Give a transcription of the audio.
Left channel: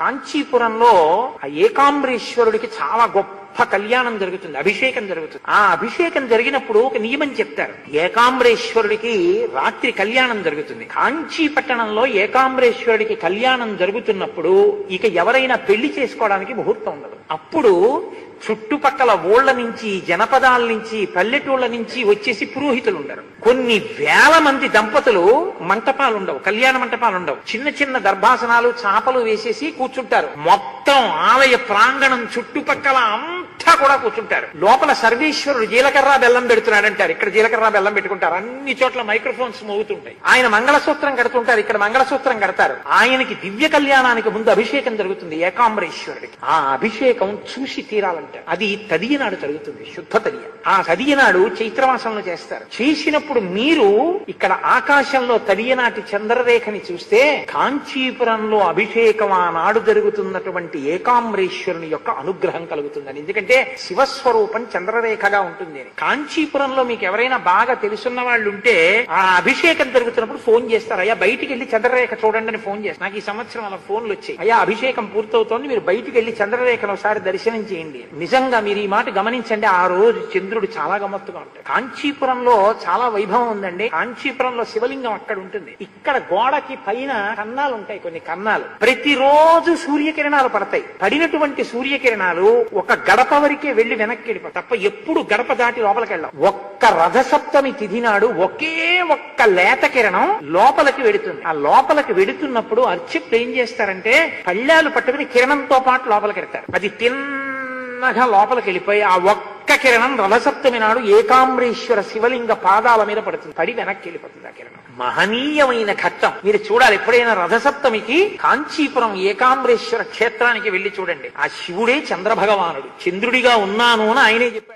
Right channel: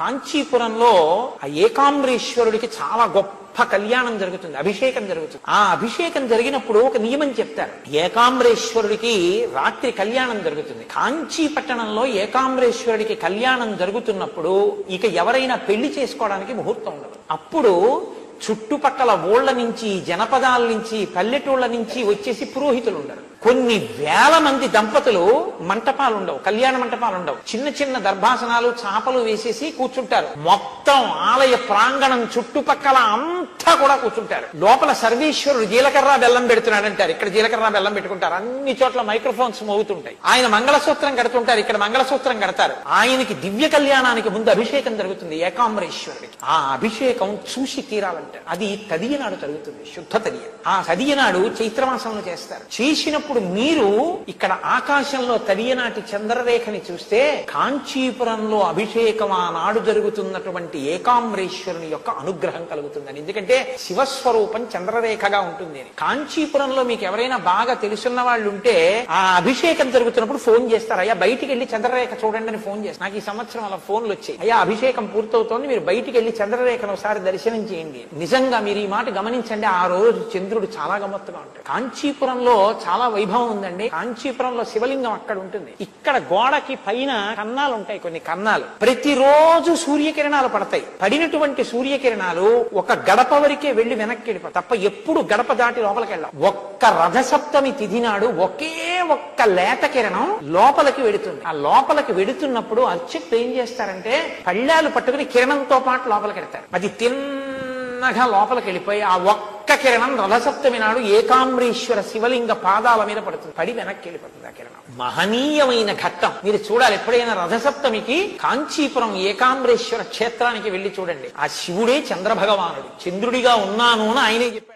కాంచీపురంలో ఆ ఏకాంబరేశ్వరుడికి చాలా గొప్ప కళ్యాణం జరుగుతుంది, అభిషేకం జరుగుతుంది. ఆ అభిషేకం జరిగినప్పుడు ఒక నియమం చెప్తారు. ఏకాంబరేశ్వరుడికి రాత్రి కళ్యాణం జరుగుతుంది. కాంచీ పట్టణంలో ఏకాంబరేశ్వరుడికి కళ్యాణం జరుగుతున్నప్పుడు ఇక ఎవరైనా పెళ్లి చేసుకోవడానికి ముహూర్తం ఉండదు. అప్పుడు చుట్టుపక్కల ఊళ్ళ నుంచి, జనపదాల నుంచి, పల్లెటూళ్ళ నుంచి వచ్చేసి పురోహితులు ఉండరు. కొన్ని వేల మంది దంపతులు మంటపాలు ఉండవు, కళ్యాణ మంటపాలు ఉండవు. చిన్న చిన్న దర్భాసనాలు, చాపలు వేసేసి కూర్చుంటారు. మొత్తం ఆలయ ప్రాంగణం చుట్టుపక్కల అంతా కూడా కూర్చుంటారు. లోపల సర్వేశ్వరుడు జీలకర్ర బెల్లం పెడుతున్నాడంటారు, ఇక్కడ జీలకర్ర బెల్లం పెట్టుకుంటారు. అన్ని చోట్ల మైక్రోఫోన్స్ మోగుతుంటాయి. ఆయన మంగళసూత్రం కడుతుంటారు, ఇక్కడ మంగళసూత్రం కడతారు. ఆయనకి దివ్య కళ్యాణానికి ముందు అభిషేకం జరుగుతుంది ఏకాంబరేశ్వరుడికి. ఆ అభిషేకం చూసి తీరాలంటారు. అది తదియ నాడు జరుగుతుంది, శుద్ధ తదియ. ఆ తదియ నాడు చైత్రమాసంలో చేస్తారు. చేసినప్పుడు మీరు ఇక్కడ ఆకాశంలో తదియనాటి చంద్రరేఖని చూస్తే కాంచీపురంలో అభిషేకం ఆనాడు జరుగుతున్నటువంటి ఏకాంబరేశ్వరుని యొక్క అనుగ్రహం కలుగుతుందని. ఎందుకంటే శివస్వరూపం చంద్రరేఖగా ఉంటుంది. కాంచీపురంలో మీకు ఎవరైనా బాగా తెలుసున్న వాళ్ళు ఉంటే ఆ అభిషేకం జరుగుతున్నప్పుడు ఫోన్ చేస్తారు, అయ్యా బయటికి వెళ్లి చంద్రరేఖ చూడండి అని ఫోన్ చేస్తారు. నాకు ఈ సంవత్సరం అలా ఫోన్లు వచ్చాయి, అయ్యా అభిషేకం పూర్తవుతోంది, మీరు బయటికి వెళ్లి చంద్రరేఖను ఒకసారి దర్శనం చేయండి. నిజంగా మీరు ఈ మాట గమనించండి, ఆ రోజు చంద్రుడు చాలా గమ్మత్తుగా ఉంటాడు. కాంచీపురంలో చాలా వైభవం ఉందండి. కాంచీపురంలో శివలింగం అక్కడ ఉంటుంది. ఇక్కడ గోడకి పైన కన్నాలు ఉంటాయి, కొన్ని కన్నాలు. ప్రతిరోజు సూర్యకిరణాలు పడతాయి. పడినటువంటి సూర్యకిరణాలు ఒక గడప వరకే వెళ్లి వెనక్కి వెళ్ళిపోతాయి తప్ప ఎప్పుడు గడప దాటి లోపలికి వెళ్ళాం. ఒక్క రథసప్తమి తిథి నాడు ఒకే ఒక్క లేత కిరణం లోపలికి వెడుతుంది. ఆ లోపలికి వెడుతున్నప్పుడు అర్చకులు ఏం చేస్తారంటే పళ్ళాలు పట్టుకుని కిరణంతో పాటు లోపలికి వెళ్తారు. అది తిన్నగా లోపలికి వెళ్ళిపోయి ఆ ఒక్క కిరణం రథసప్తమి నాడు ఏకాంబరేశ్వర శివలింగ పాదాల మీద పడుతుంది, పడి వెనక్కి వెళ్ళిపోతుంది ఆ కిరణం. మహనీయమైన ఘట్టం. మీరు చూడాలి, ఎప్పుడైనా రథసప్తమికి కాంచీపురం ఏకాంబరేశ్వర క్షేత్రానికి వెళ్లి చూడండి. ఆ శివుడే చంద్రభగవానుడు, చంద్రుడిగా ఉన్నాను అని ఆయనే చెప్పాడు.